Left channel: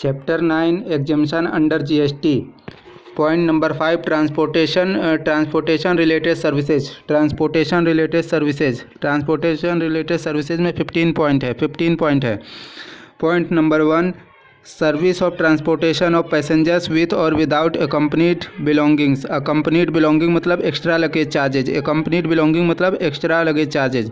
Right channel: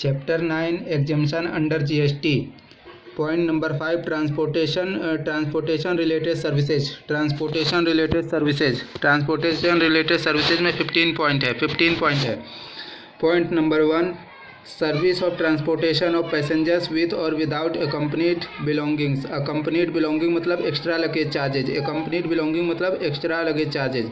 Chapter 9 exemption under GST. Point number 5 transportation related services. Transportation related services में 15 point है। Point number 1, service of transportation of passengers with और without accompanied belongings. Accompanied belonging मतलब extra luggage charges. Accompanied belonging मतलब extra luggage charges.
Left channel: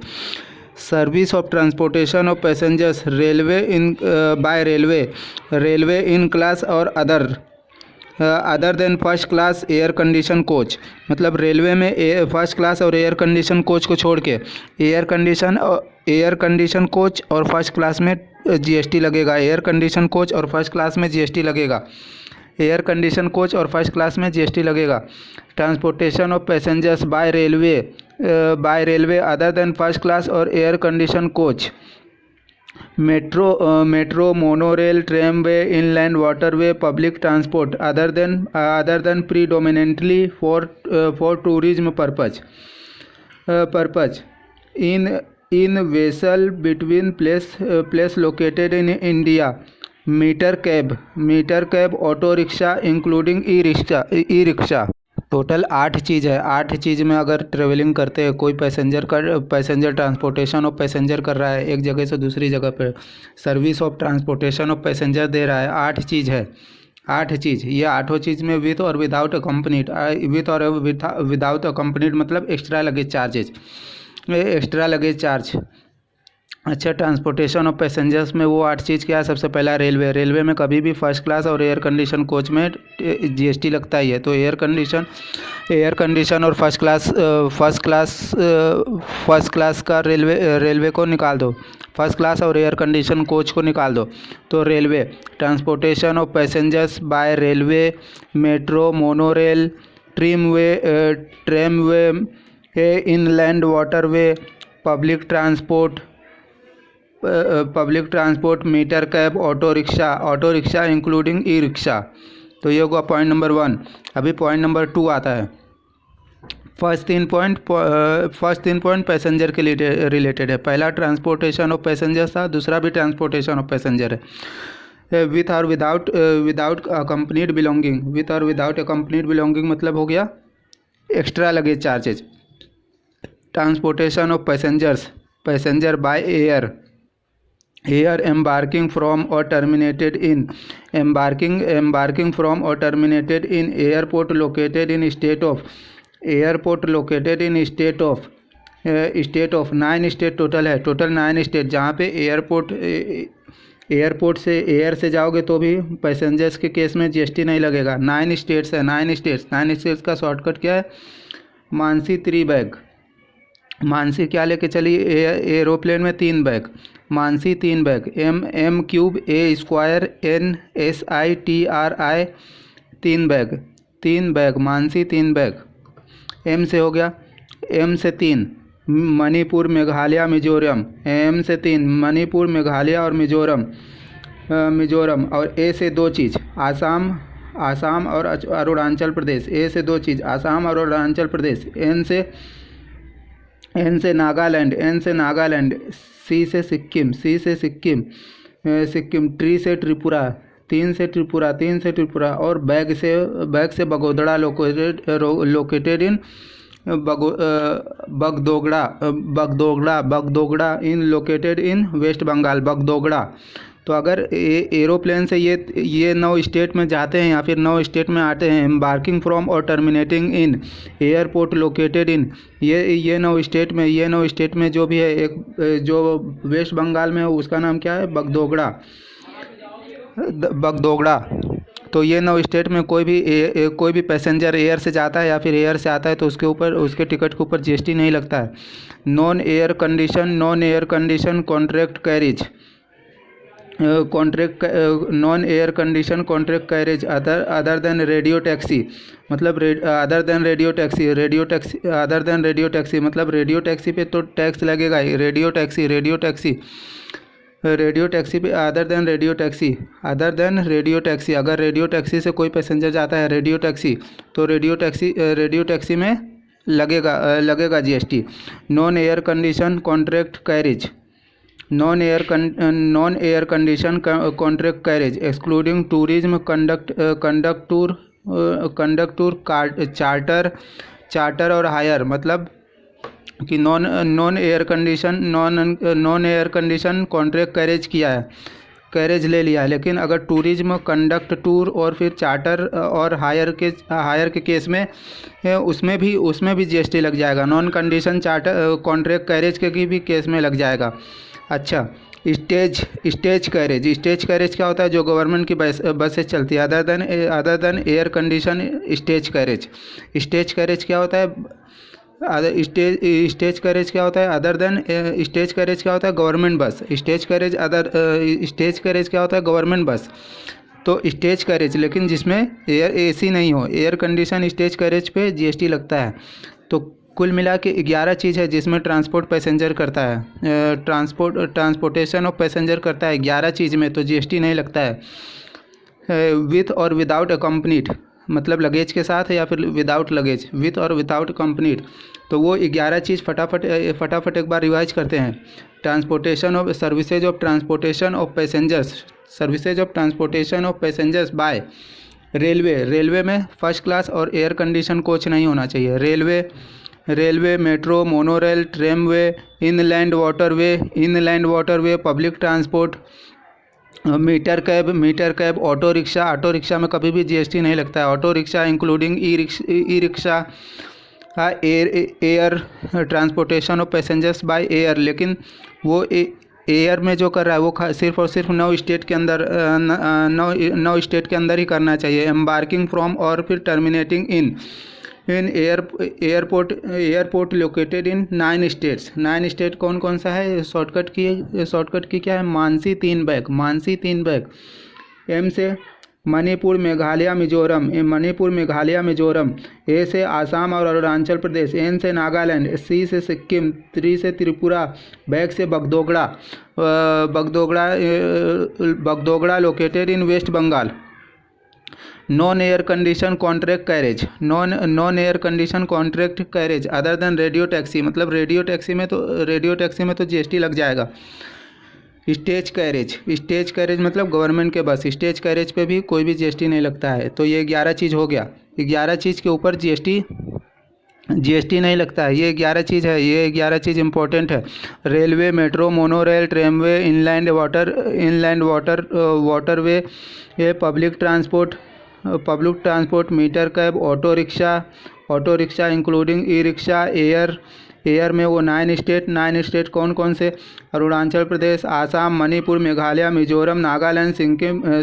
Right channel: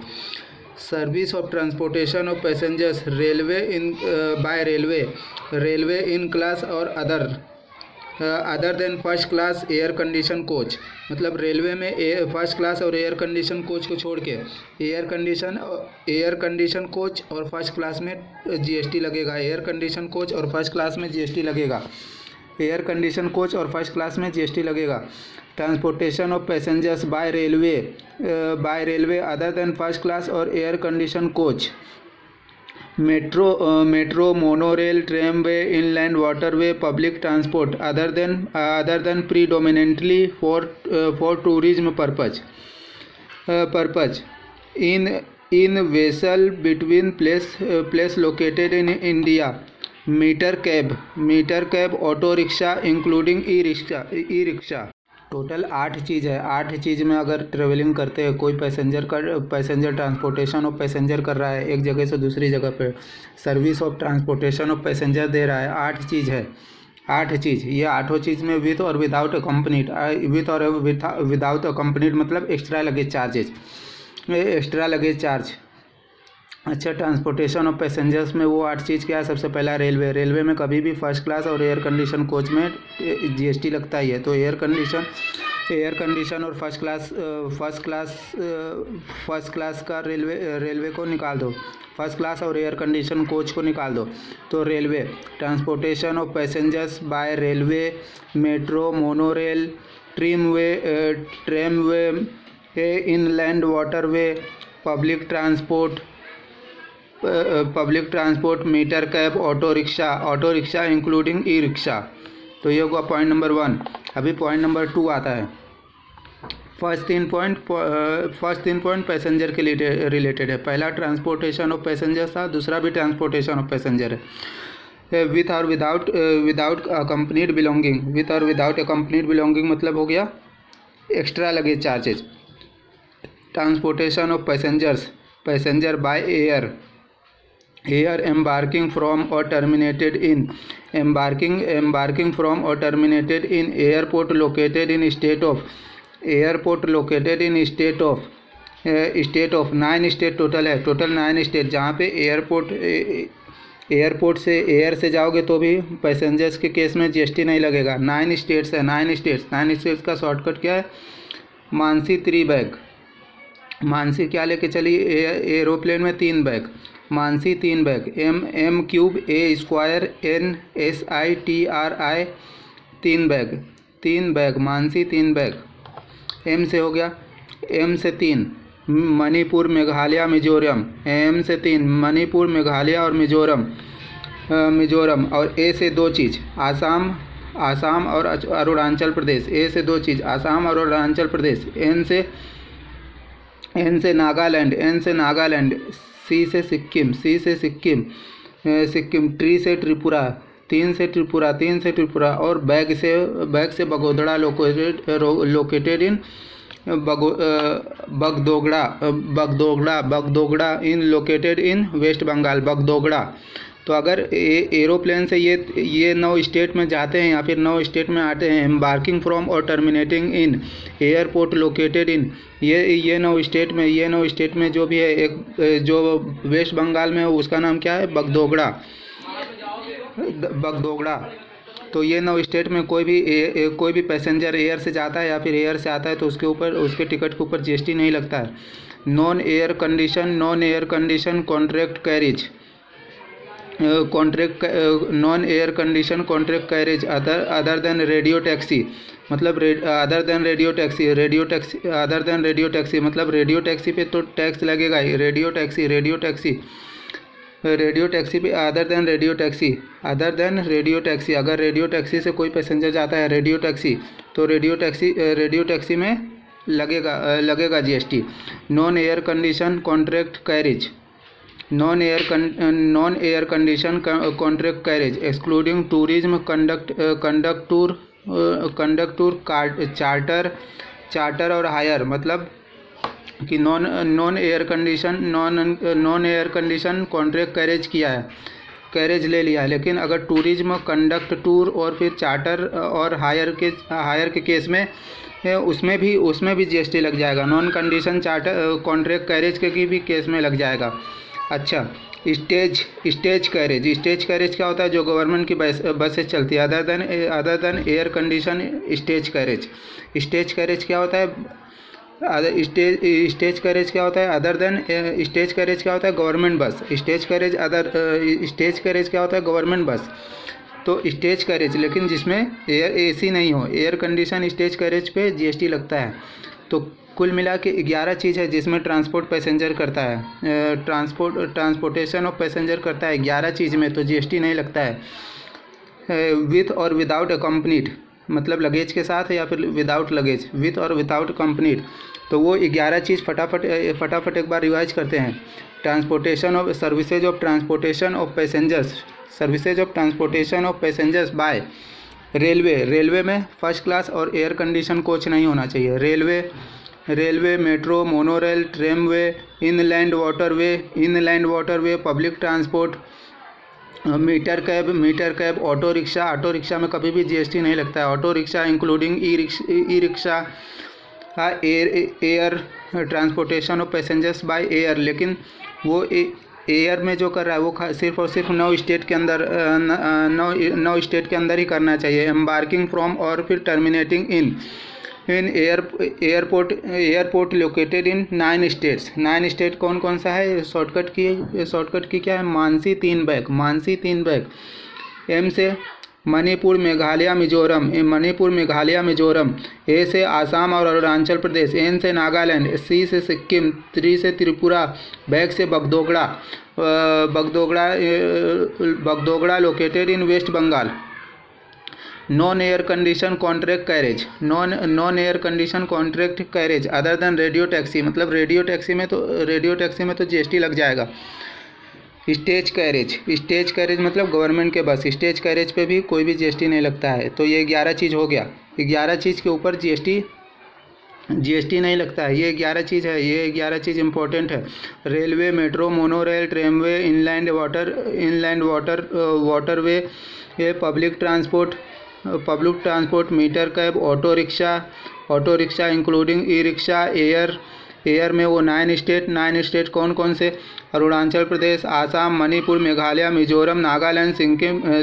Service of transportation of passengers railway in by railway in class और other than first class air condition coach. मतलब railway में first class और air condition coach को छोड़ के air condition coach और first class में GST लगेगा। एयर कंडीशन कोच और फर्स्ट क्लास में जीएसटी लगेगा। एयर कंडीशन कोच और फर्स्ट क्लास में जीएसटी लगेगा। Transportation of passengers by railway other than first class और air condition coach. Metro monorail tramway inland waterway public transport other than predominantly for tourism purpose in vessel between place located in India. Meter cab auto rickshaw including e rickshaw. Total 8 चीज़ है। 8 चीज़ में अगर travelling करते हैं, कोई passenger transportation of passenger कर रहा है एक जगह से दूसरी जगह पे, service of transportation of passenger दे रहा है। 8 चीज़ है। 8 चीज़, ये 8 चीज़ में विथ और विदाउट अकम्पनीड। विदाउट अकम्पनीड मतलब एक्स्ट्रा लगेज चार्ज। अच्छा, ट्रांसपोर्टेशन ऑफ पैसेंजर्स में वो 8 चीज़ क्या है? सबसे पहला रेलवे में कभी भी फर्स्ट क्लास और एयर कंडीशन कोच में जीएसटी लगता ही है। तो एयर कंडीशन और फर्स्ट क्लास का रेलवे को निकाल दो। फर्स्ट क्लास और एयर कंडीशन कोच को निकाल दो। तो railway, transportation of passengers by railway, metro monorail, tramway, inland waterway, public transport, meter cab, auto rickshaw including e rickshaw. तो ये होगा पॉइंट नंबर 1। अभी पॉइंट नंबर 2 आता है। फर्स्ट 3 पॉइंट पैसेंजर के लिए रिलेटेड है। पहला ट्रांसपोर्टेशन ऑफ पैसेंजर्स था, दूसरा भी ट्रांसपोर्टेशन ऑफ पैसेंजर है। विथ और विदाउट अकम्पनीड बिलोंगिंग। विथ और विदाउट अकम्पनीड बिलोंगिंग मतलब हो गया extra luggage charges. Transportation of passenger bye air embarking from or terminated in airport located in state of 9 state total है। Total 9 state जहाँ पे airport से air से जाओगे तो भी पैसेंजर्स के केस में जीएसटी नहीं लगेगा। 9 स्टेट्स है। 9 स्टेट्स का शॉर्टकट क्या है? मानसी 3 बैग। मानसी क्या लेके चली? एरोप्लेन में 3 bag. Mansi 3 bag. M cube A square NSITRI 3 bag. Mansi 3 bag. M से हो गया। एम से 3 मणिपुर मेघालय मिजोरम। एम से 3 मणिपुर मेघालय और मिजोरम। और ए से 2 चीज़ आसाम और अरुणाचल प्रदेश। ए से 2 चीज़ आसाम और अरुणाचल प्रदेश। एन से नागालैंड। सी से सिक्किम। ट्री से त्रिपुरा। 3 से त्रिपुरा। और बैग से Bagdogra located in Bagdogra in located in waste Bengal. Bagdogra. तो अगर एरोप्लेन से ये 9 स्टेट में जाते हैं या फिर 9 स्टेट में आते हैं, एम्बार्किंग फ्रॉम और terminating in airport located in, ये 9 स्टेट में जो भी है, एक जो वेस्ट बंगाल में है उसका नाम क्या है? बगदोगड़ा। तो ये 9 स्टेट में कोई भी पैसेंजर एयर से जाता है या फिर एयर से आता है तो उसके टिकट के ऊपर जीएसटी नहीं लगता है। Non air condition contract carriage other than radio taxi. मतलब अदर देन रेडियो टैक्सी मतलब रेडियो टैक्सी पे तो टैक्स लगेगा ही। रेडियो टैक्सी पे अदर देन रेडियो टैक्सी। अगर रेडियो टैक्सी से कोई पैसेंजर जाता है रेडियो टैक्सी, तो रेडियो टैक्सी में लगेगा GST. Non air condition contract carriage non air condition contract carriage excluding tourism conduct tour charter और हायर, मतलब कि non air condition contract carriage किया है, कैरेज ले लिया है, लेकिन अगर टूरिज्म कंडक्ट टूर और फिर चार्टर और हायर के केस में उसमें भी जीएसटी लग जाएगा। Non condition charter contract carriage के भी केस में लग जाएगा। अच्छा, स्टेज कैरेज क्या होता है? जो गवर्नमेंट की बसेस चलती है other than air condition stage carriage क्या होता है? स्टेज कैरेज क्या होता है? अदर देन स्टेज कैरेज क्या होता है? गवर्नमेंट बस। स्टेज कैरेज क्या होता है? गवर्नमेंट बस। तो स्टेज कैरेज लेकिन जिसमें एसी नहीं हो, एयर कंडीशन स्टेज कैरेज पे जीएसटी लगता है। तो कुल मिला के 11 चीज़ है जिसमें ट्रांसपोर्ट पैसेंजर करता है, ट्रांसपोर्टेशन ऑफ पैसेंजर करता है 11 चीज़ में, तो जीएसटी नहीं लगता है। विथ और विदाउट अकम्पनीड, मतलब लगेज के साथ या फिर विदाउट लगेज, विथ और विदाउट अकम्पनीड, तो वो 11 चीज़ फटाफट एक बार रिवाइज करते हैं। Transportation of services of transportation of passengers by railway में फर्स्ट क्लास और एयर कंडीशन कोच नहीं होना चाहिए। Railway, metro, monorail, tramway, inland waterway, public transport, meter cab, auto rickshaw में कभी भी जीएसटी नहीं लगता है। Auto rickshaw including e rickshaw, air transportation of passengers by air, लेकिन वो एयर में जो कर रहा है वो सिर्फ और सिर्फ 9 स्टेट के अंदर ही करना चाहिए। एम्बार्किंग फ्रॉम और फिर terminating in airport located in 9 states. 9 state कौन कौन सा है? शॉर्टकट की क्या है? मानसी 3 बैग। एम से मणिपुर, मेघालय, मिजोरम। ए से आसाम और अरुणाचल प्रदेश। एन से नागालैंड। सी से सिक्किम। 3 से त्रिपुरा। बैग से Bagdogra located in waste Bengal. Non air condition contract carriage other than radio taxi, मतलब रेडियो टैक्सी में तो जीएसटी लग जाएगा। स्टेज कैरेज मतलब गवर्नमेंट के बस, स्टेज कैरेज पे भी कोई भी जीएसटी नहीं लगता है। तो ये 11 चीज़ हो गया। 11 चीज़ के ऊपर जीएसटी नहीं लगता है। ये 11 चीज़ है, ये 11 चीज़ इंपॉर्टेंट है। Railway, metro, monorail, tramway, inland waterway, ये public transport, meter cab, auto rickshaw including e rickshaw, air में वो 9 स्टेट कौन कौन से? Arunachal Pradesh, Assam, Manipur, Meghalaya, Mizoram, Nagaland,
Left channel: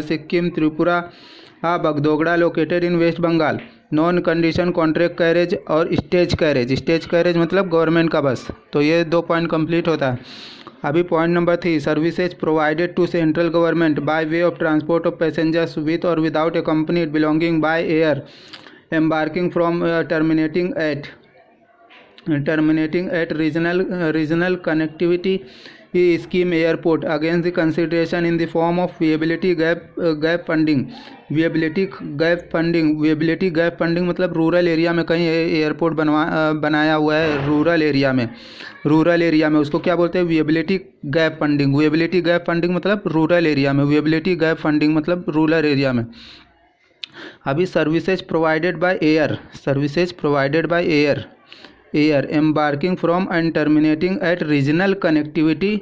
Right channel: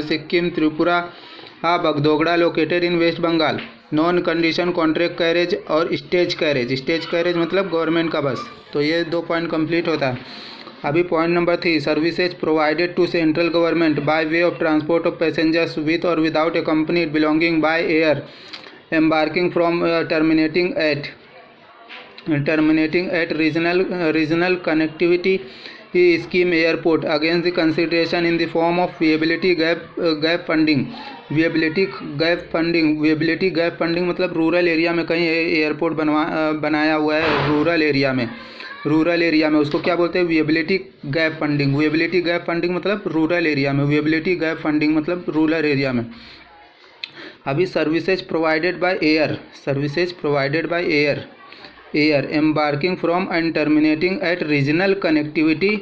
Sikkim, Tripura, Bagdogra located in waste Bengal. Non condition contract carriage और स्टेज कैरेज मतलब गवर्नमेंट का बस। तो ये 2 पॉइंट कंप्लीट होता है। अभी point number 3, services provided to central government by way of transport of passengers with और without accompanied belonging by air embarking from terminating at regional connectivity scheme airport against the consideration in the form of viability gap funding मतलब rural area में कहीं airport बनाया हुआ है rural area में उसको क्या बोलते हैं? विएबिलिटी गैप फंडिंग मतलब रूरल एरिया में, विएबिलिटी गैप फंडिंग मतलब रूरल एरिया में। अभी services provided by air embarking from and terminating at regional connectivity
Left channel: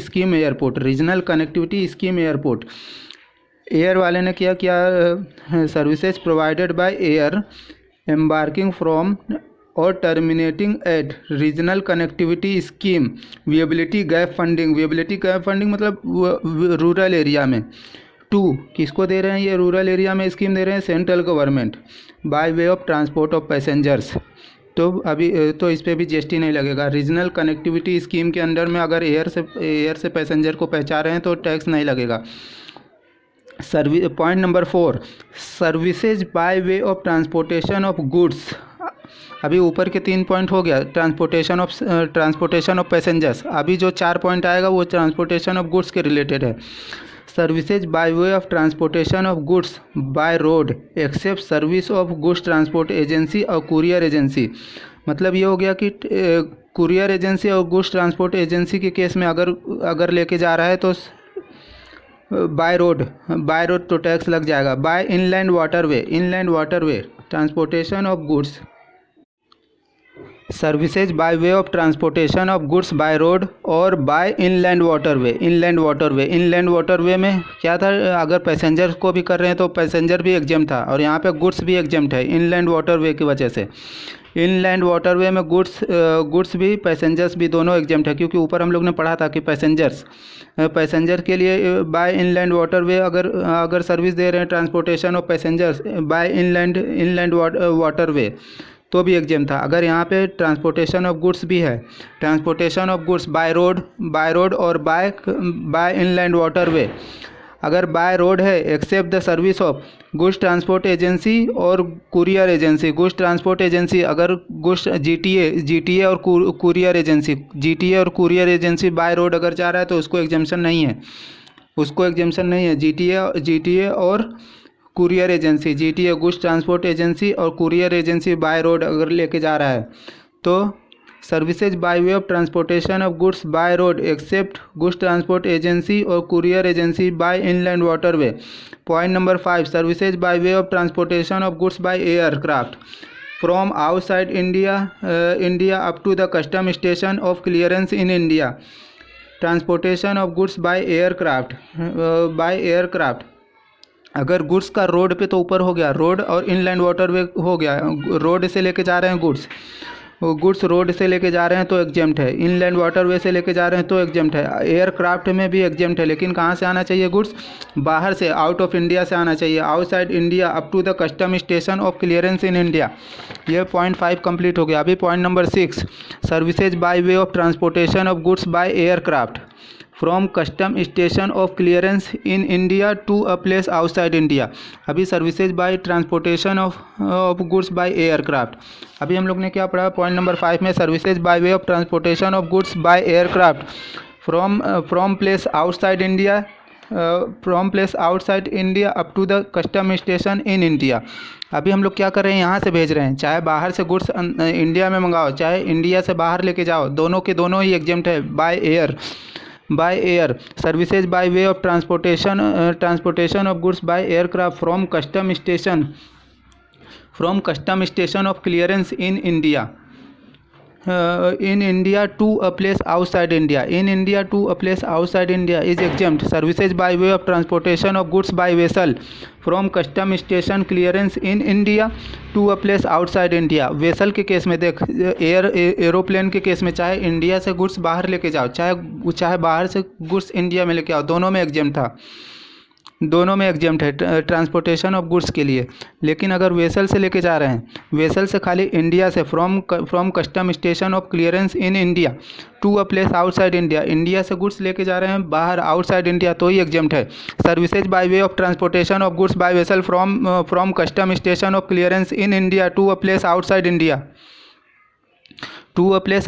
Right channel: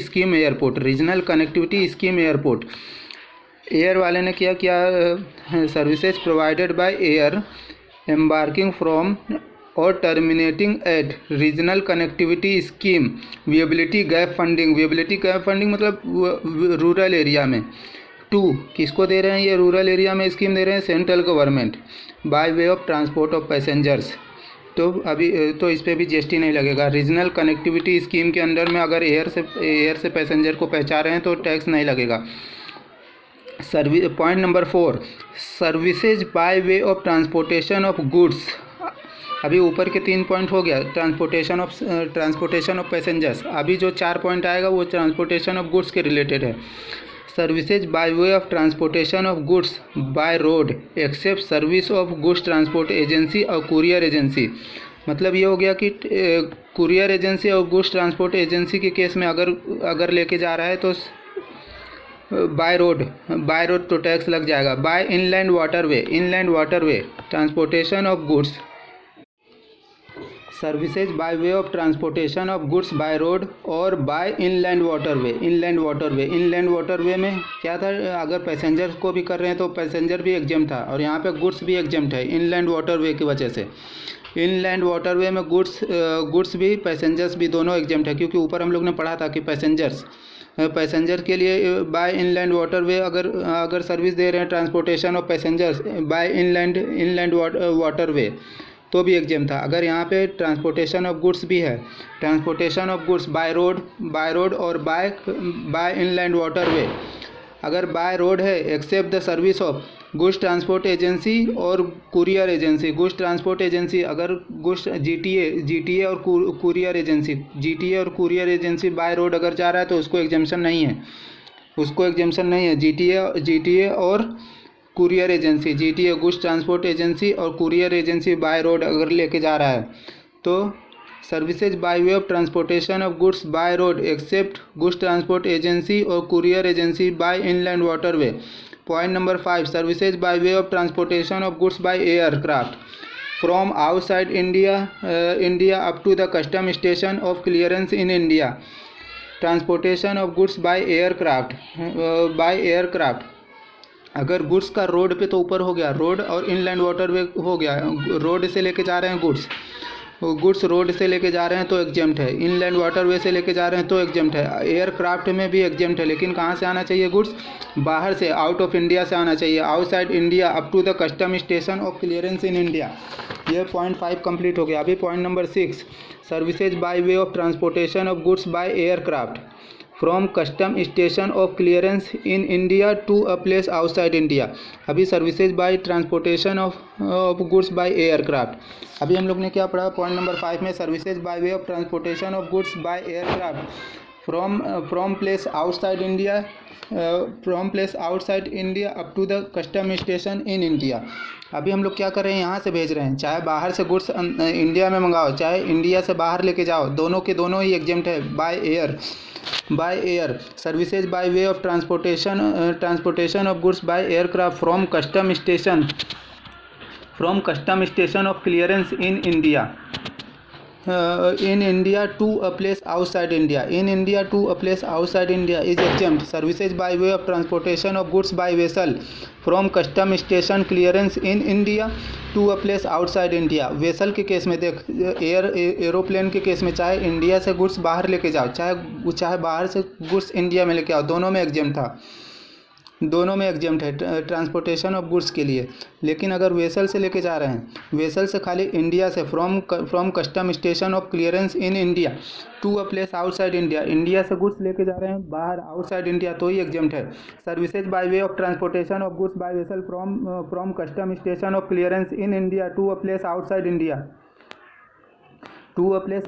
scheme airport. Air वाले ने क्या services provided by air embarking from और terminating at regional connectivity scheme viability gap funding मतलब rural area में। 2 किसको दे रहे हैं? ये रूरल एरिया में स्कीम दे रहे हैं central government by way of transport of passengers. तो अभी तो इस पर भी जीएसटी नहीं लगेगा। रीजनल कनेक्टिविटी स्कीम के अंडर में अगर एयर से पैसेंजर को पहुंचा रहे हैं तो टैक्स नहीं लगेगा। Point number 4, services by way of transportation of goods. अभी ऊपर के 3 पॉइंट हो गया, ट्रांसपोर्टेशन ऑफ पैसेंजर्स। अभी जो 4 पॉइंट आएगा वो ट्रांसपोर्टेशन ऑफ गुड्स के रिलेटेड है। Services by way of transportation of goods by road except service of goods transport agency और कुरियर एजेंसी। मतलब ये हो गया कि कुरियर एजेंसी और गुड्स ट्रांसपोर्ट एजेंसी के केस में अगर लेके जा रहा है तो बाय रोड तो टैक्स लग जाएगा। By inland waterway transportation of goods, services by way of transportation of goods by road और बाय इनलैंड वाटरवे में क्या था, अगर पैसेंजर को भी कर रहे हैं तो पैसेंजर भी एग्जेम्प्ट था और यहाँ पे गुड्स भी एग्जेम्प्ट है इनलैंड वाटरवे की वजह से। इनलैंड वाटरवे में गुड्स भी पैसेंजर्स भी दोनों एग्जेम्प्ट है, क्योंकि ऊपर हम लोग ने पढ़ा था कि पैसेंजर के लिए बाय इनलैंड वाटरवे अगर सर्विस दे रहे हैं transportation of passengers by inland waterway तो भी एग्जेम्प्ट था। अगर यहाँ पे ट्रांसपोर्टेशन ऑफ गुड्स भी है, transportation of goods by road और बाय इनलैंड वाटरवे, अगर बाय रोड है except the service of goods transport agency और courier agency. Goods transport agency अगर गुड्स जीटीए और कुरियर एजेंसी बाय रोड अगर जा रहा है तो उसको एग्जेम्पशन नहीं है। जीटीए और courier agency, GTA goods transport agency और कुरियर एजेंसी बाय रोड अगर लेके जा रहा है तो services by way of transportation of goods by road except goods transport agency और courier agency by inland waterway. Point number 5, services by way of transportation of goods by aircraft from outside India up to the custom station of clearance in India. Transportation of goods by aircraft अगर goods का road पे तो ऊपर हो गया, road और inland waterway हो गया। रोड से लेके जा रहे हैं गुड्स रोड से लेके जा रहे हैं तो एग्जेम्प्ट है, इनलैंड वाटरवे से लेके जा रहे हैं तो एग्जेम्प्ट है। एयरक्राफ्ट में भी एग्जेम्प्ट है, लेकिन कहाँ से आना चाहिए गुड्स, बाहर से, आउट ऑफ इंडिया से आना चाहिए, outside India up to the custom station of clearance in India. ये पॉइंट 5 कंप्लीट हो गया। अभी point number 6, services by way of transportation of goods by aircraft from custom station of clearance in India to a place outside India. अभी services by transportation of goods by aircraft, अभी हम लोग ने क्या पढ़ा पॉइंट नंबर 5 में, services by way of transportation of goods by aircraft from place outside India up to the custom station in India. अभी हम लोग क्या कर रहे हैं, यहाँ से भेज रहे हैं, चाहे बाहर से गुड्स इंडिया में मंगाओ चाहे इंडिया से बाहर लेके जाओ, दोनों के दोनों ही एग्जेम्प्ट है by air. Services by way of transportation of goods by aircraft from custom station of clearance in India to a place outside India is exempt. Services by way of transportation of goods by vessel from custom station clearance in India to a place outside India. Vessel के case में देख, aeroplane के case में चाहे India से goods बाहर लेके जाओ चाहे बाहर से गुड्स इंडिया में लेके आओ, दोनों में एग्जेम्प्ट है ट्रांसपोर्टेशन ऑफ गुड्स के लिए। लेकिन अगर वेसल से लेके जा रहे हैं, वेसल से खाली इंडिया से from custom station of clearance in India to a place outside India से गुड्स लेके जा रहे हैं बाहर आउटसाइड इंडिया तो ही एग्जेम्प्ट है। Services by way of transportation of goods by vessel from custom station of clearance in India to a place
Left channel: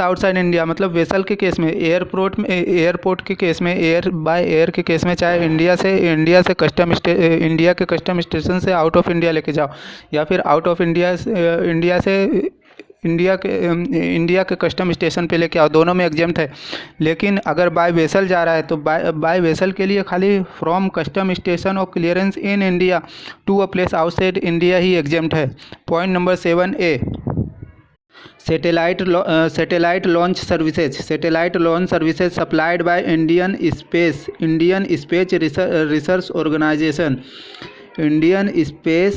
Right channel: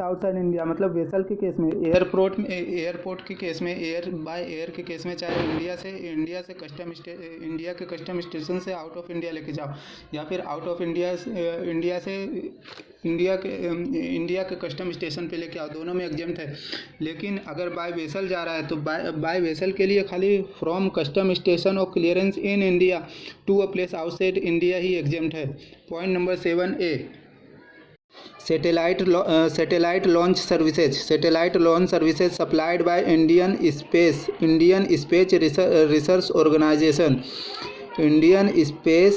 outside India मतलब वेसल के केस में, एयरपोर्ट के केस में, एयर के केस में, चाहे इंडिया से इंडिया के कस्टम स्टेशन से आउट ऑफ इंडिया लेके जाओ या फिर आउट ऑफ इंडिया से इंडिया के कस्टम स्टेशन पे लेके आओ, दोनों में एग्जेम्प्ट है। लेकिन अगर बाय वेसल जा रहा है तो बाय वेसल के लिए खाली from custom station of clearance in India to a place outside India ही एग्जेम्प्ट है। Point number 7A, Satellite launch services supplied by Indian Space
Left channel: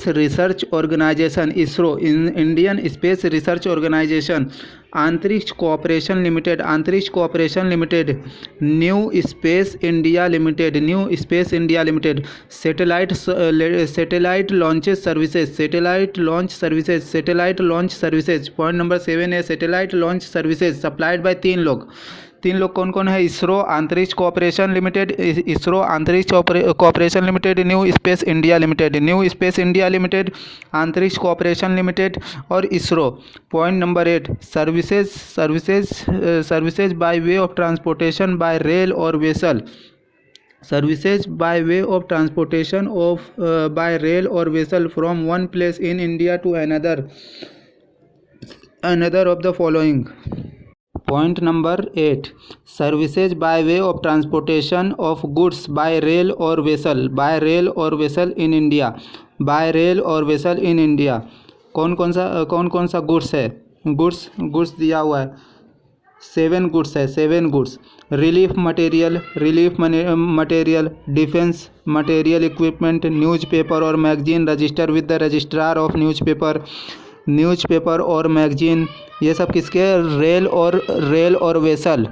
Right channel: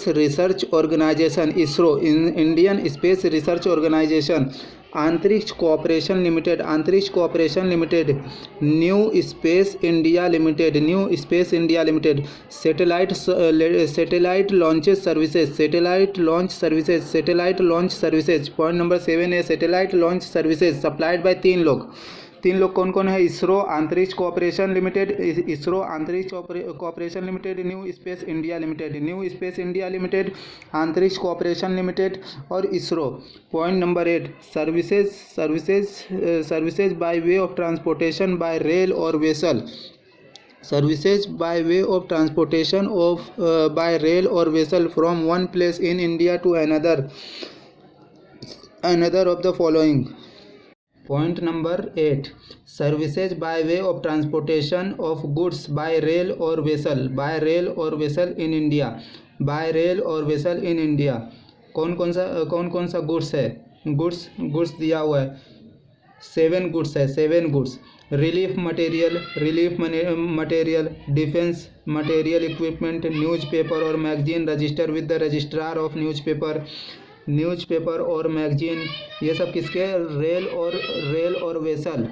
Research Organization ISRO, Indian Space Research Organization, Antariksh corporation limited, new space India limited, satellite launch services. Point number 7 satellite launch services supplied by तीन लोग कौन कौन है, ISRO Antariksh corporation limited, new space India limited, Antariksh corporation limited और ISRO. Point number 8 services by way of transportation by rail और vessel, from one place in India to another of the following. Point number 8. Services by way of transportation of goods by rail or vessel. By rail or vessel in India. By rail or vessel in India. कौन कौन सा goods है? Goods दिया हुआ है, 7 goods है, 7 goods. Relief material, defence material, equipment, newspaper और magazine register with the registrar of newspaper और मैगजीन. ये सब किसके? रेल और वेसल.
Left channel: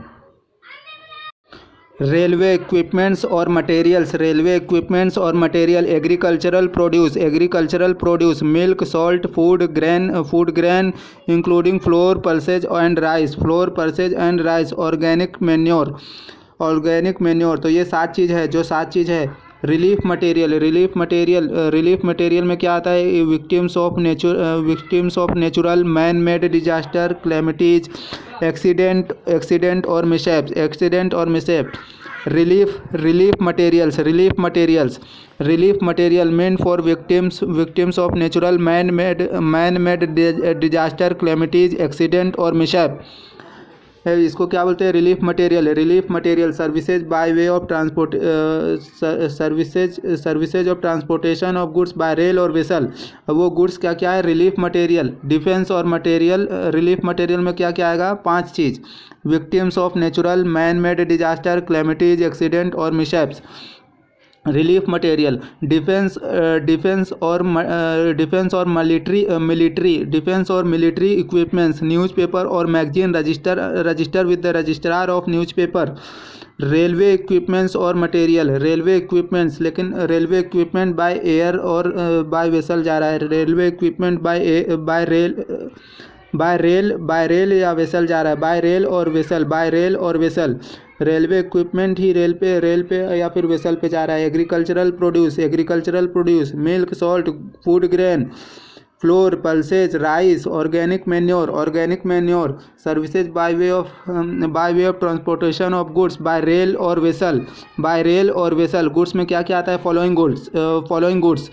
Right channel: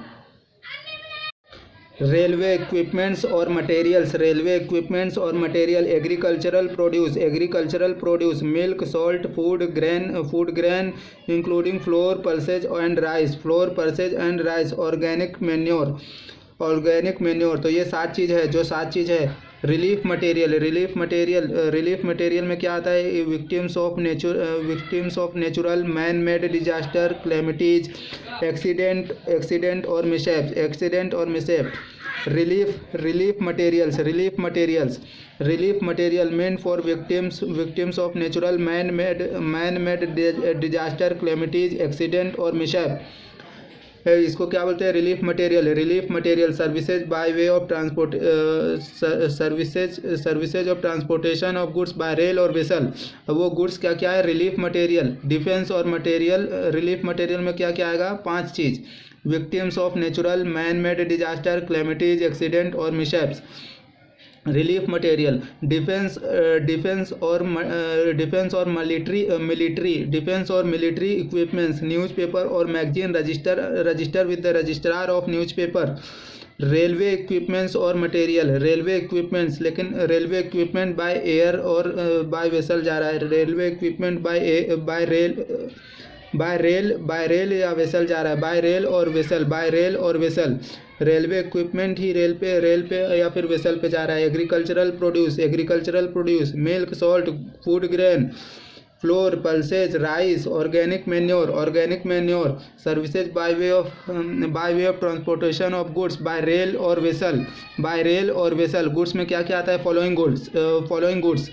रेलवे इक्विपमेंट्स और material, agricultural produce, milk, salt, food grain including flour, pulses and rice, organic manure. तो ये 7 चीज़ है. रिलीफ मटेरियल में क्या आता है? Victims of natural man made disaster, calamities, accident और mishap. Relief material meant for victims of natural man made disaster, calamities, accident और mishap. इसको क्या बोलते हैं? Relief material. Services by way of services of transportation of goods by rail और vessel. वो goods क्या है? Relief material. डिफेंस और मटेरियल. रिलीफ मटेरियल में क्या आएगा? 5 चीज़. Victims of natural man made disaster, calamities, accident और मिसहैप्स. Relief material. डिफेंस और मिलिट्री इक्विपमेंट्स, न्यूज़पेपर और magazine register with the registrar of newspaper. Railway equipments और मटेरियल. लेकिन रेलवे इक्विपमेंट बाय एयर और बाय वेसल जा रहा है. Railway equipment bye rail या वेसल जा रहा है. बाय रेल और वेसल. रेलवे इक्विपमेंट ही रेल पे या फिर वेसल पे जा रहा है. Agricultural produce, milk, salt, food grain, floor, pulses, rice, organic manure. Services by way of transportation of goods by rail और वेसल. गुड्स में क्या आता है? Following goods.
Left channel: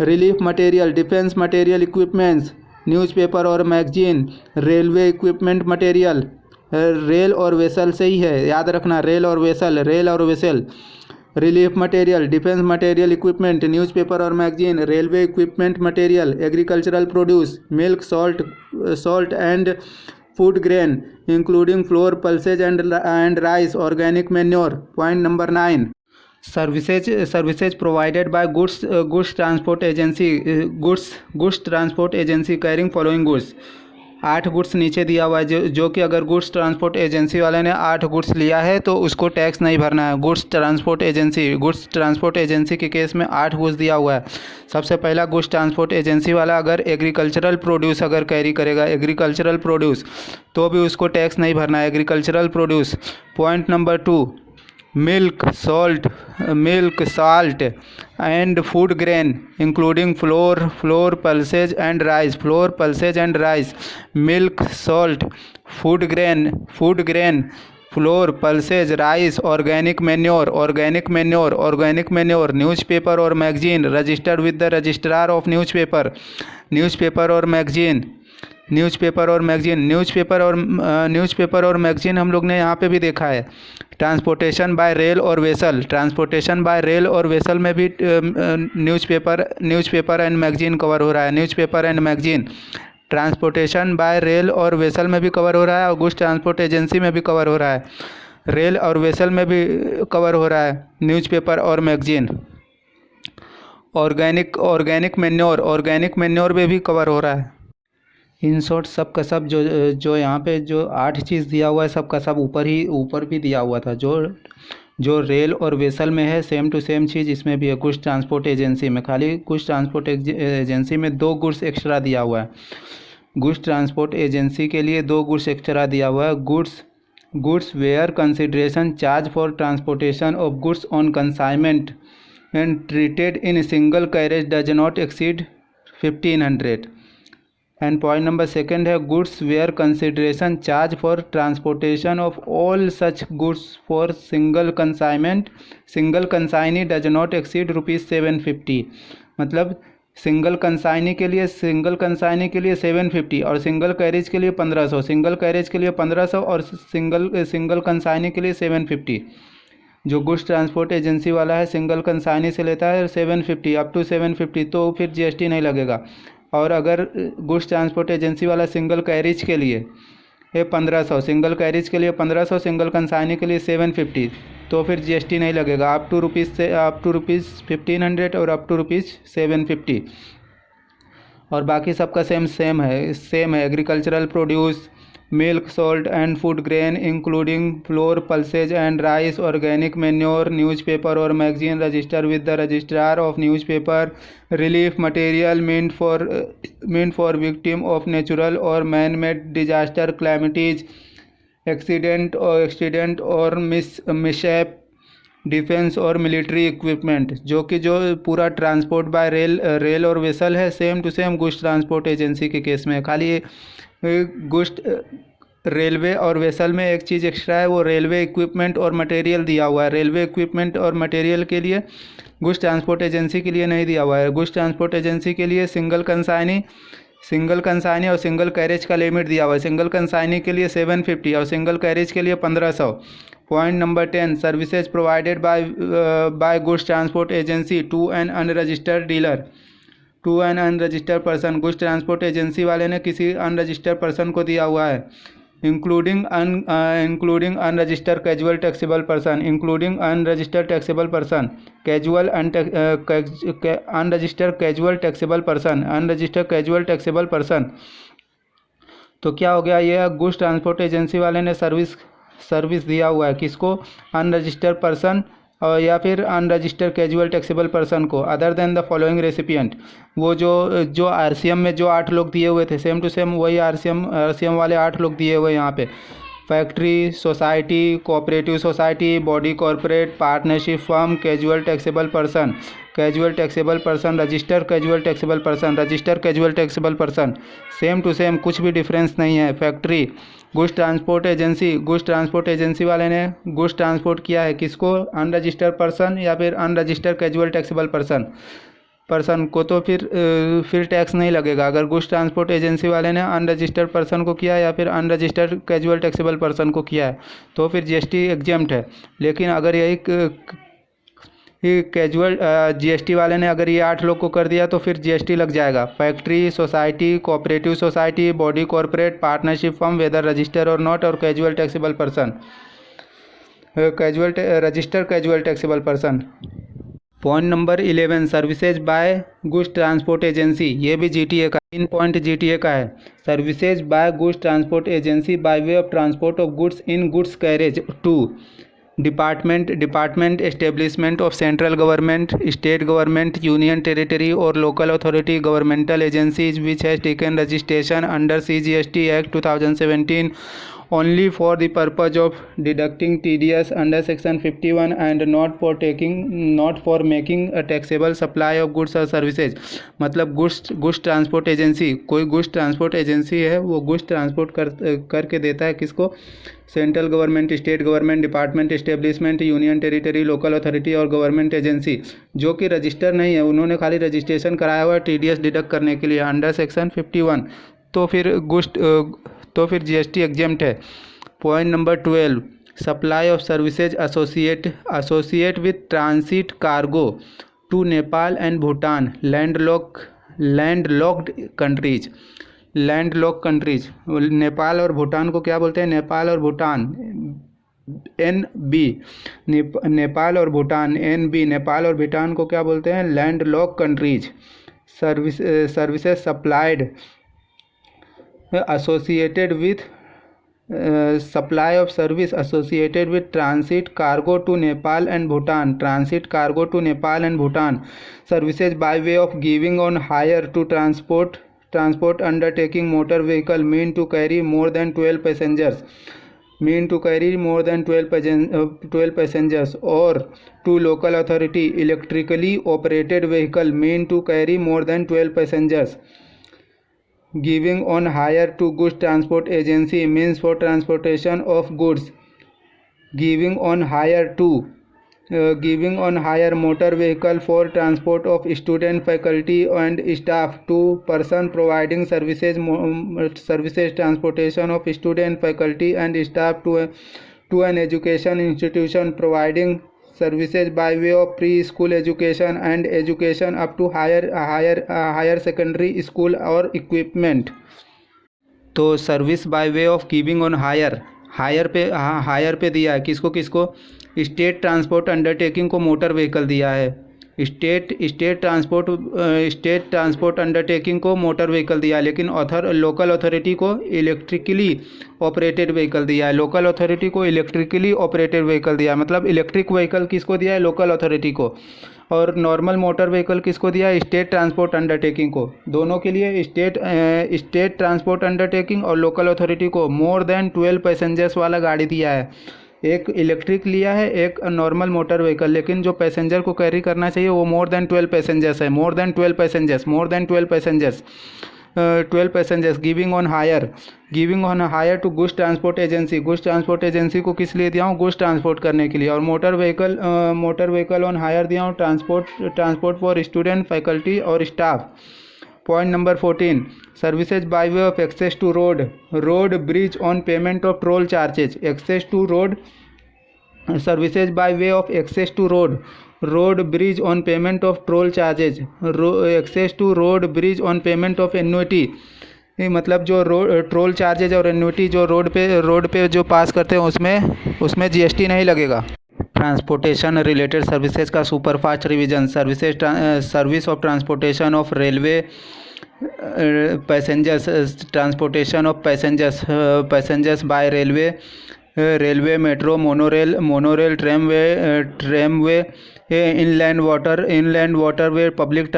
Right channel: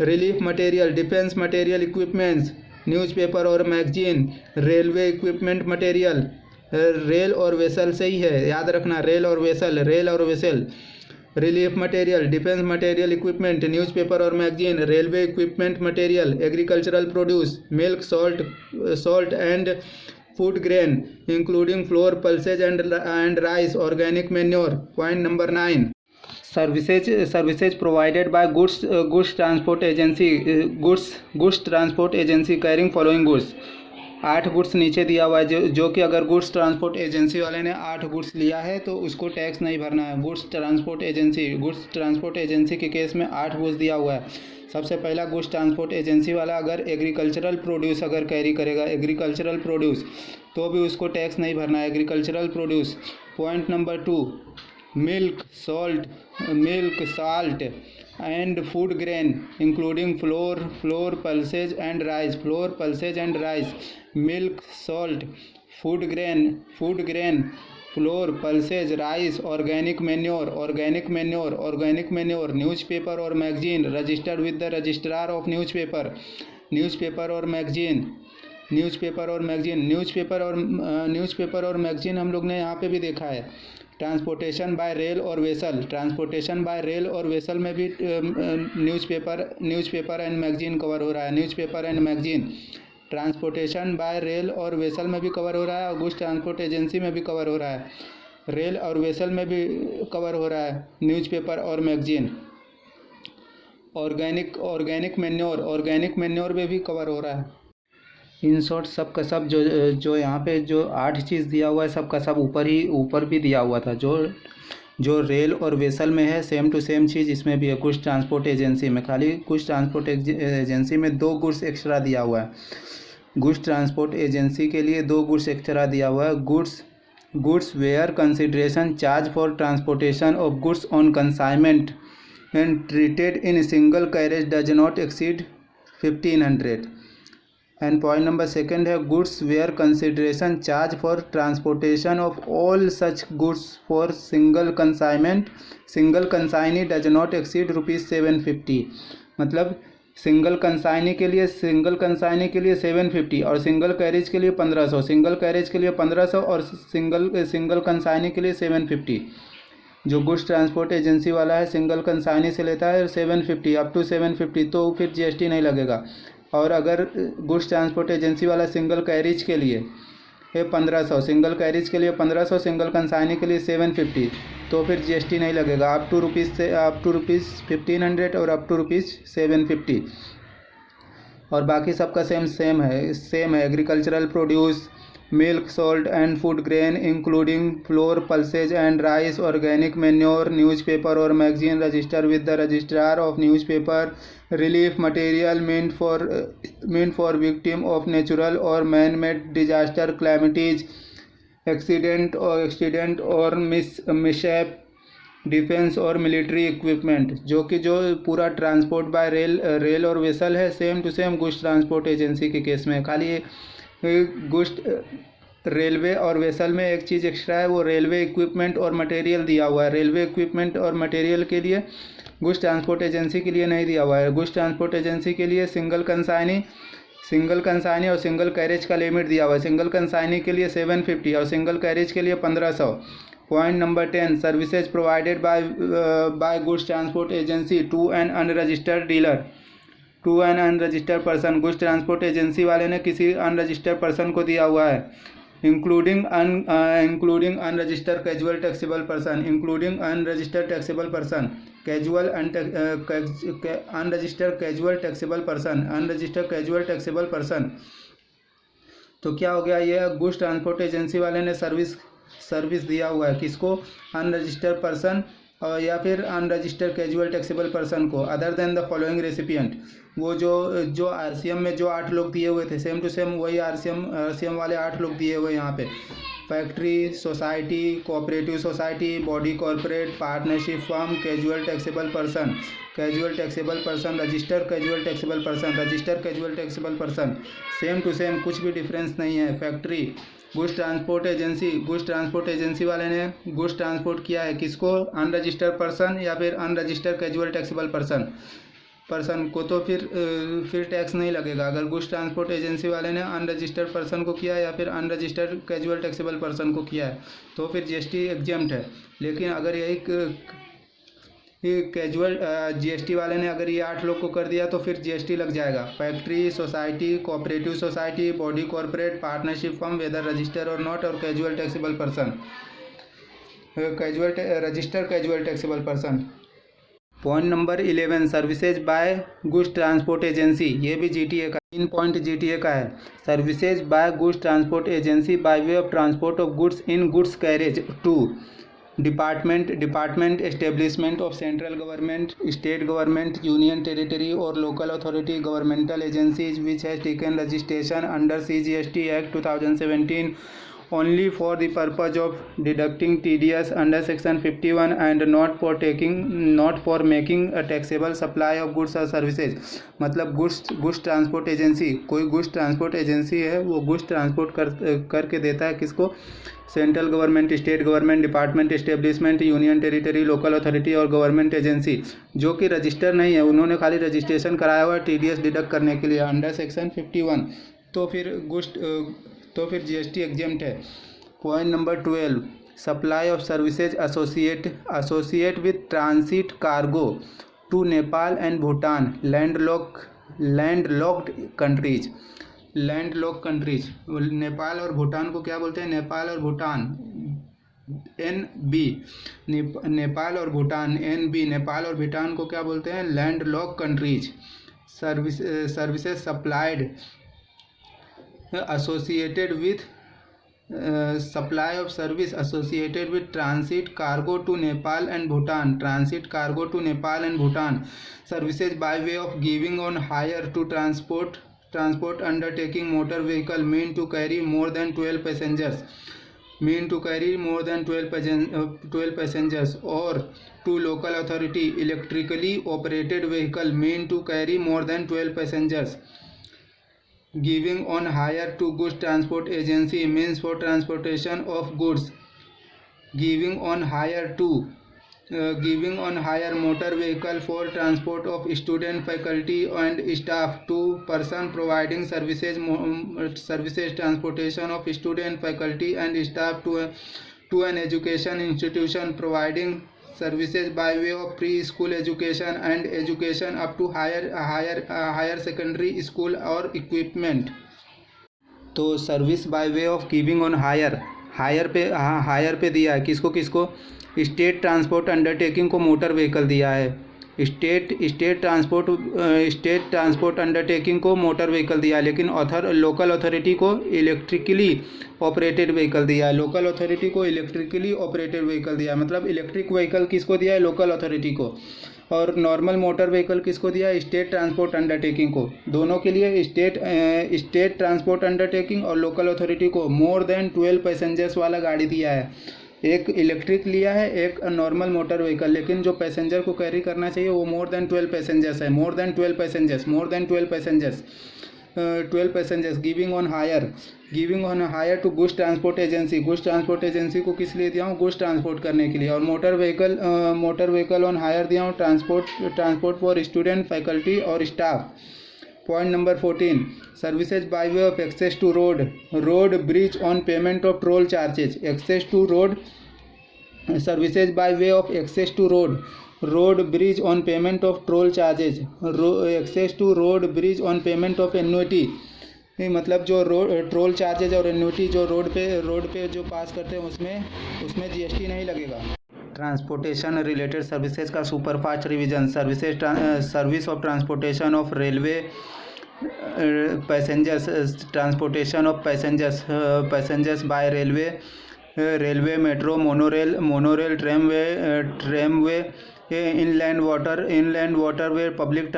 Relief material, defence material, equipments, newspaper और magazine. Railway equipment material. Rail और vessel से ही है, याद रखना. रेल और vessel. Relief material, defence material, equipment, newspaper और magazine. Railway equipment material, agricultural produce, milk, salt and food grain including flour, pulses and rice, organic manure. Point number 9. Services provided by goods transport agency carrying following goods. 8 goods नीचे दिया हुआ है, जो कि अगर goods transport agency वाले ने 8 goods लिया है तो उसको टैक्स नहीं भरना है. गुड्स ट्रांसपोर्ट एजेंसी के केस में 8 गुड्स दिया हुआ है. सबसे पहला, गुड्स ट्रांसपोर्ट एजेंसी वाला अगर एग्रीकल्चरल प्रोड्यूस अगर कैरी करेगा, तो भी उसको टैक्स नहीं भरना है. Agricultural produce. Point number 2. Milk, salt and food grain including flour, pulses and rice. Milk, salt, food grain, flour, pulses, rice, organic manure. Newspaper or magazine registered with the registrar of newspaper और magazine हम लोग ने यहाँ पे भी देखा है. Transportation by rail और वेसल में भी न्यूज़पेपर एंड मैगजीन कवर हो रहा है. ट्रांसपोर्टेशन बाय रेल और वेसल में भी कवर हो रहा है और गुड्स ट्रांसपोर्ट एजेंसी में भी कवर हो रहा है. रेल और वेसल में भी कवर हो रहा है न्यूज़पेपर और मैगजीन. ऑर्गेनिक मैन्योर में भी कवर हो रहा है. इन शॉर्ट सब का सब जो यहाँ पे जो 8 चीज़ दिया हुआ है, सब का सब ऊपर भी दिया हुआ था. जो रेल और वेसल में है, सेम टू सेम चीज़ इसमें भी है. गुड्स ट्रांसपोर्ट एजेंसी में खाली गुड्स ट्रांसपोर्ट एजेंसी में 2 गुड्स एक्स्ट्रा दिया हुआ है. गुड्स ट्रांसपोर्ट एजेंसी के लिए 2 गुड्स एक्स्ट्रा दिया हुआ है. Goods where consideration charged for transportation of goods on consignment and treated in single carriage does not exceed 1500. And point number 2 है goods where consideration charged for transportation of all such goods for single consignee does not exceed ₹750. मतलब single consignee के लिए 750 और single carriage के लिए 1500, single carriage के लिए 1500 और सिंगल कंसाइनी के लिए 750। जो गुड्स ट्रांसपोर्ट एजेंसी वाला है सिंगल कंसाइनी से लेता है 750 अप टू 750, तो फिर जीएसटी नहीं लगेगा। और अगर गुड्स ट्रांसपोर्ट एजेंसी वाला सिंगल कैरेज के लिए है 1500, सिंगल कैरेज के लिए 1500, सिंगल कंसाइनी के लिए 750, तो फिर जीएसटी नहीं लगेगा अप टू रुपीज़ 1500 और अप टू रुपीज़ 750। और बाकी सबका सेम है। Agricultural produce, milk, salt and food grain including flour, pulses and rice, organic manure, newspaper और magazine register with the registrar of newspaper, relief material meant for victim of natural or man-made disaster, calamities, accident or mishap, defence और military equipment, जो पूरा transport by rail और vessel है, same to same goods transport agency के case में। खाली goods railway और vessel में एक चीज़ एक्स्ट्रा है, वो रेलवे इक्विपमेंट और मटेरियल दिया हुआ है। रेलवे इक्विपमेंट और मटेरियल के लिए गुड्स ट्रांसपोर्ट एजेंसी के लिए नहीं दिया हुआ है। गुड्स ट्रांसपोर्ट एजेंसी के लिए सिंगल कंसाइनी और सिंगल कैरेज का लिमिट दिया हुआ है। सिंगल कंसाइनी के लिए 750 और सिंगल कैरेज के लिए 1500। Point number 10, services provided by goods transport agency to an unregistered dealer, to an unregistered person. Goods transport agency वाले ने किसी अनरजिस्टर्ड पर्सन को दिया हुआ है, including unregistered casual taxable person, including unregistered taxable person, unregistered casual taxable taxable person. तो क्या हो गया, ये गुड्स ट्रांसपोर्ट एजेंसी वाले ने सर्विस दिया हुआ है किसको, अनरजिस्टर्ड पर्सन या फिर अनरजिस्टर्ड कैजुअल टैक्सेबल पर्सन को, other than the following recipient. वो जो आरसीएम में जो 8 लोग दिए हुए थे, सेम टू सेम वही आरसीएम वाले 8 लोग दिए हुए यहाँ पे। Factory, society, cooperative society, body corporate, partnership firm, casual taxable person, registered casual taxable person, same to same, कुछ भी डिफरेंस नहीं है। फैक्ट्री, गुड्स ट्रांसपोर्ट एजेंसी वाले ने गुड्स ट्रांसपोर्ट किया है किसको, अनरजिस्टर्ड पर्सन या फिर अनरजिस्टर्ड कैजुअल टैक्सेबल पर्सन को, तो फिर टैक्स नहीं लगेगा। अगर गुड्स ट्रांसपोर्ट एजेंसी वाले ने अनरजिस्टर्ड पर्सन को किया या फिर अनरजिस्टर्ड कैजुअल टैक्सेबल पर्सन को किया है, तो फिर जीएसटी एग्जेम्प्ट है। लेकिन अगर यही कैजुअल जीएसटी वाले ने अगर ये 8 लोग को कर दिया तो फिर जीएसटी लग जाएगा। Factory, society, cooperative society, body corporate, partnership firm, whether register और नॉट, और casual taxable person, registered casual taxable person. Point number 11, services by goods transport agency, ये भी जीटीए का 3 पॉइंट जीटीए का है। Services by goods transport agency by way of transport of goods in goods carriage to department establishment of central government, state government, union territory और local authority, governmental agencies which has taken registration under CGST act 2017 only for the purpose of deducting TDS under section 51 and not for making a taxable supply of goods or services। मतलब goods transport agency, कोई goods transport agency है, वो goods transport करके देता है किसको, central government, state government, department establishment, union territory, local authority और government agency जो कि रजिस्टर नहीं है, उन्होंने खाली रजिस्ट्रेशन कराया हुआ है TDS डिडक्ट करने के लिए अंडर सेक्शन 51, तो फिर जीएसटी एग्जेम्प्ट है। Point number 12, supply of services associate with transit cargo to Nepal and Bhutan, landlocked countries. Nepal और भूटान को क्या बोलते हैं, नेपाल और भूटान NB, नेपाल और भूटान NB, नेपाल और भूटान को क्या बोलते हैं, landlocked countries. Services supplied associated with supply of service associated with transit cargo to Nepal and Bhutan, services by way of giving on hire to transport undertaking motor vehicle mean to carry more than 12 passengers, or to local authority electrically operated vehicle mean to carry more than 12 passengers. Giving on hire to goods transport agency means for transportation of goods. Giving on hire to giving on hire motor vehicle for transport of student, faculty and staff to person providing services transportation of student, faculty and staff to an education institution providing services by way of pre-school education and education up to higher secondary school or equipment। तो service by way of giving on hire पे दिया है किसको किसको, state transport undertaking को motor vehicle दिया है, state transport undertaking को मोटर व्हीकल दिया है, लेकिन लोकल अथॉरिटी को इलेक्ट्रिकली ऑपरेटेड व्हीकल दिया है, मतलब इलेक्ट्रिक व्हीकल किसको दिया है, लोकल अथॉरिटी को, और नॉर्मल मोटर व्हीकल किसको दिया है, स्टेट ट्रांसपोर्ट अंडरटेकिंग को। दोनों के लिए स्टेट ट्रांसपोर्ट अंडरटेकिंग और लोकल अथॉरिटी को मोर देन 12 पैसेंजर्स वाला गाड़ी दिया है। एक इलेक्ट्रिक लिया है, एक नॉर्मल मोटर व्हीकल, लेकिन जो पैसेंजर को कैरी करना चाहिए वो मोर देन 12 पैसेंजर्स है, 12 passengers. Giving on hire to goods transport agency को किस लिए दिया हूँ, गुड्स ट्रांसपोर्ट करने के लिए। और मोटर व्हीकल ऑन हायर दिया हूँ ट्रांसपोर्ट फॉर स्टूडेंट, फैकल्टी और staff. Point number 14, services by way of access to road bridge on payment of toll charges. Access to road, services by way of access to road bridge on payment of toll charges, access to road bridge on payment of annuity, मतलब जो toll charges और annuity जो road पे जो pass करते हैं उसमें GST नहीं लगेगा। ट्रांसपोर्टेशन रिलेटेड सर्विसेज का superfast revision. Service of transportation of railway passengers, transportation of passengers by railway, metro, monorail, tramway, inland waterway, public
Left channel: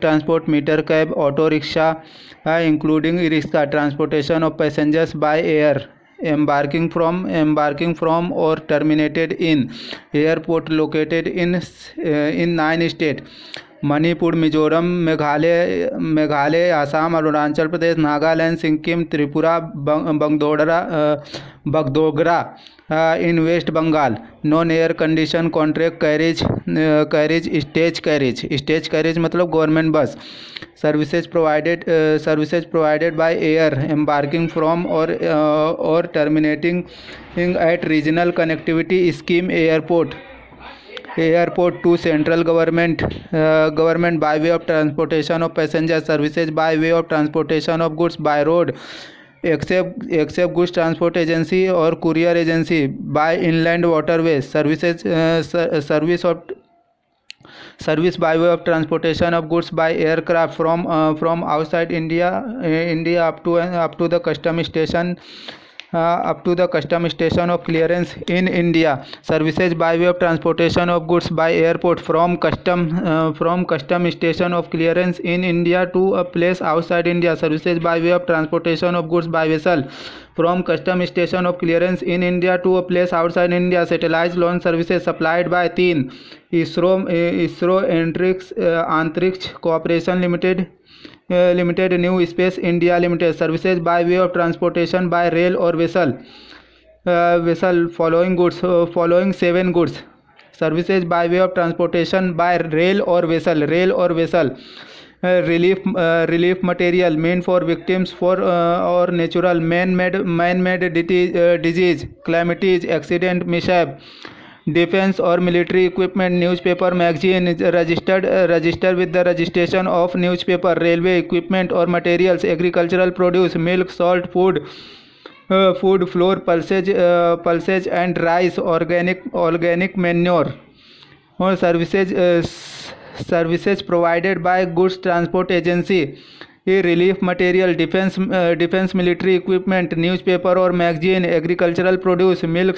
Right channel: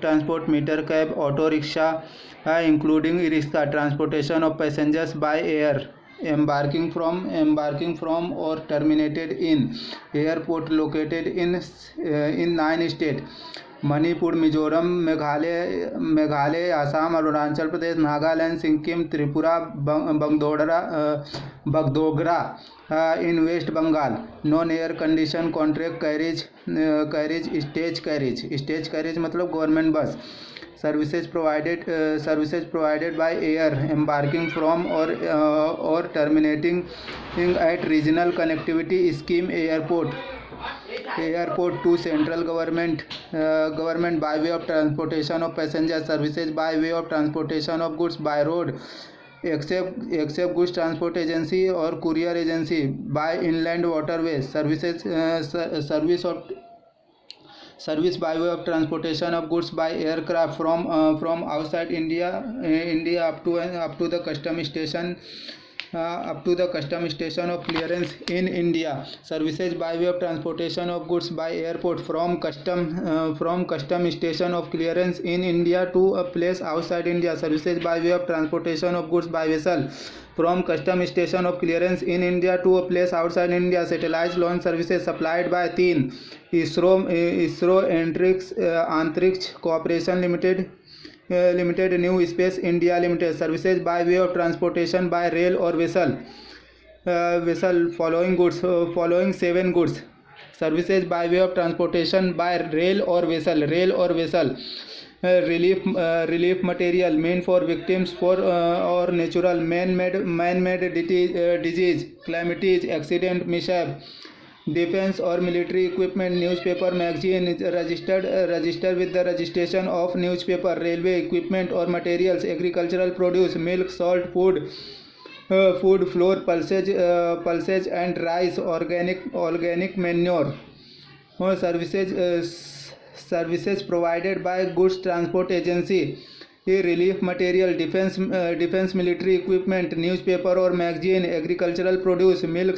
transport, meter cab, auto rickshaw including rickshaw. Transportation of passengers by air, embarking from or terminated in airport located in 9 states: Manipur, Mizoram, Meghalaya, Assam, Arunachal Pradesh, Nagaland, Sikkim, Tripura, Bagdogra in waste Bengal. Non air condition contract carriage, stage carriage मतलब government bus. Services provided by air, embarking from और terminating at regional connectivity scheme airport to central government by way of transportation of passenger. Services by way of transportation of goods by road except goods transport agency और courier agency by inland waterway. Service by way of transportation of goods by aircraft from outside India up to the custom station of clearance in India. Services by way of transportation of goods by airport from custom station of clearance in India to a place outside India. Services by way of transportation of goods by vessel from custom station of clearance in India to a place outside India. Satellite launch services supplied by 3 ISRO Antrix corporation limited, new space India limited. Services by way of transportation by rail और vessel following 7 goods. Services by way of transportation by rail और vessel. Relief material meant for victims for और natural man made disease, calamities, accident, mishap. Defence और military equipment, newspaper, magazine registered with the registration of newspaper. Railway equipment और materials, agricultural produce, milk, salt, food, flour, pulses and rice, organic manure. और services provided by goods transport agency, relief material, defence military equipment, newspaper और magazine, agricultural produce, milk,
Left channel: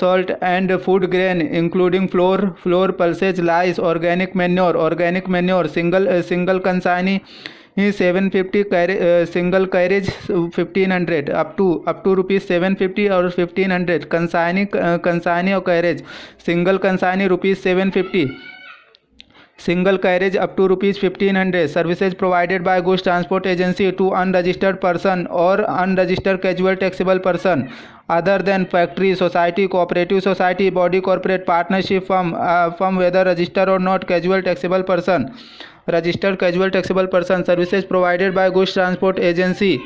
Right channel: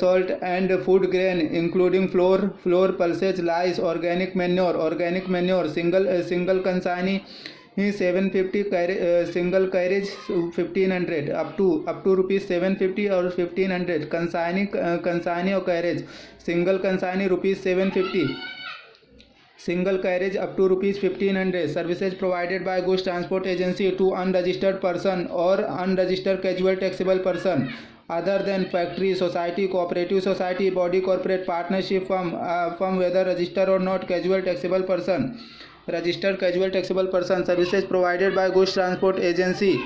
salt and food grain including flour, pulses, lice, organic manure, single consignee 750, single carriage 1500 up to rupees 750 और 1500। consignee और carriage, single consignee rupees 750, single carriage up to rupees 1500। services provided by goods transport agency to unregistered person or unregistered casual taxable person other than factory, society, cooperative society, body, corporate, partnership, firm, whether registered or not, casual taxable person, registered casual taxable person, services provided by goods transport agency,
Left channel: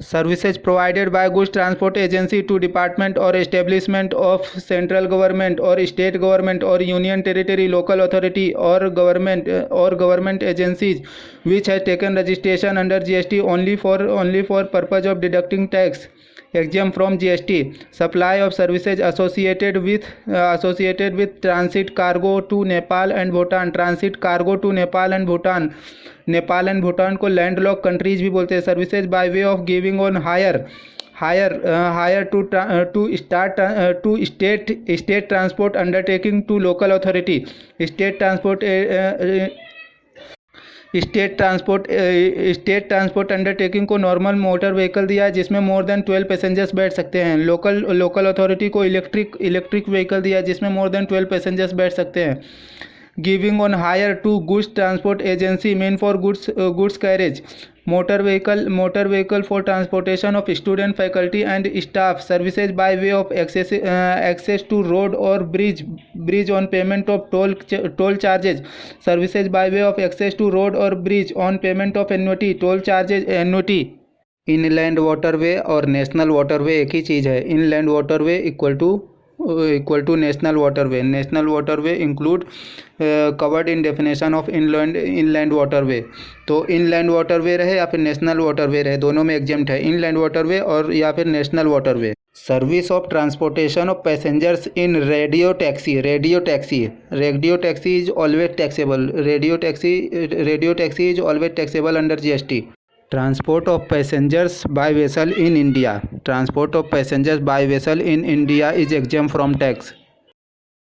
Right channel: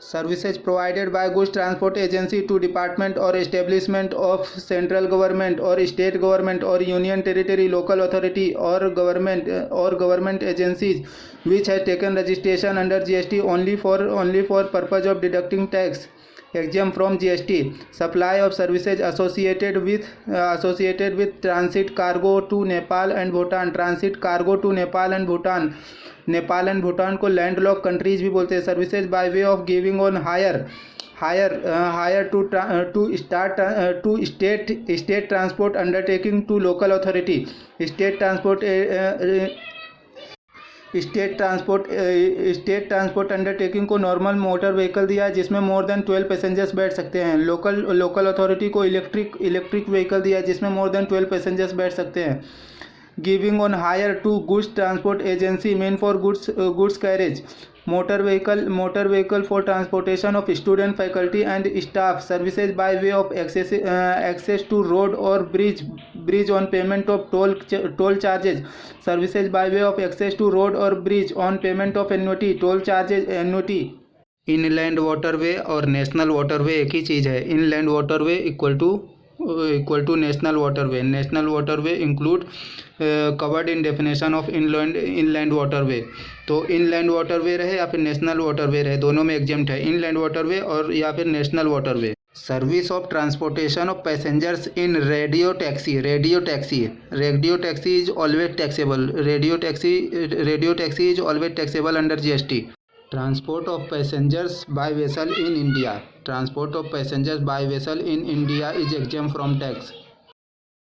services provided by goods transport agency to department or establishment of central government or state government or union territory, local authority or government agencies which has taken registration under GST only for purpose of deducting tax exempt from GST. Supply of services associated with transit cargo to Nepal and Bhutan, transit cargo to Nepal and Bhutan, Nepal and Bhutan को landlock countries भी बोलते हैं. Services by way of giving on hire to state transport undertaking to local authority. State transport undertaking को normal motor vehicle दिया है जिसमें more than 12 passengers बैठ सकते हैं. लोकल अथॉरिटी को इलेक्ट्रिक व्हीकल दिया है जिसमें मोर देन 12 पैसेंजर्स बैठ सकते हैं. Giving on hire to goods transport agency meant for goods carriage. Motor vehicle for transportation of student, faculty and staff. Services by way of access to road और bridge on payment of toll charges. Services by way of access to road और bridge on payment of annuity, toll charges, annuity. Inland waterway और national waterway एक ही चीज़ है. Inland waterway equal to national waterway. National waterway include covered in definition of inland waterway. तो inland waterway रहे या फिर नेशनल वाटरवे रहे, दोनों में एग्जेम्प्ट है. इनलैंड वाटरवे और या फिर national waterway. Service of transportation of passengers in radio taxi is always taxable. Radio taxi is always taxable under GST. Transport of passengers by vessel in India. Transport of passengers by vessel in India is exempt from tax.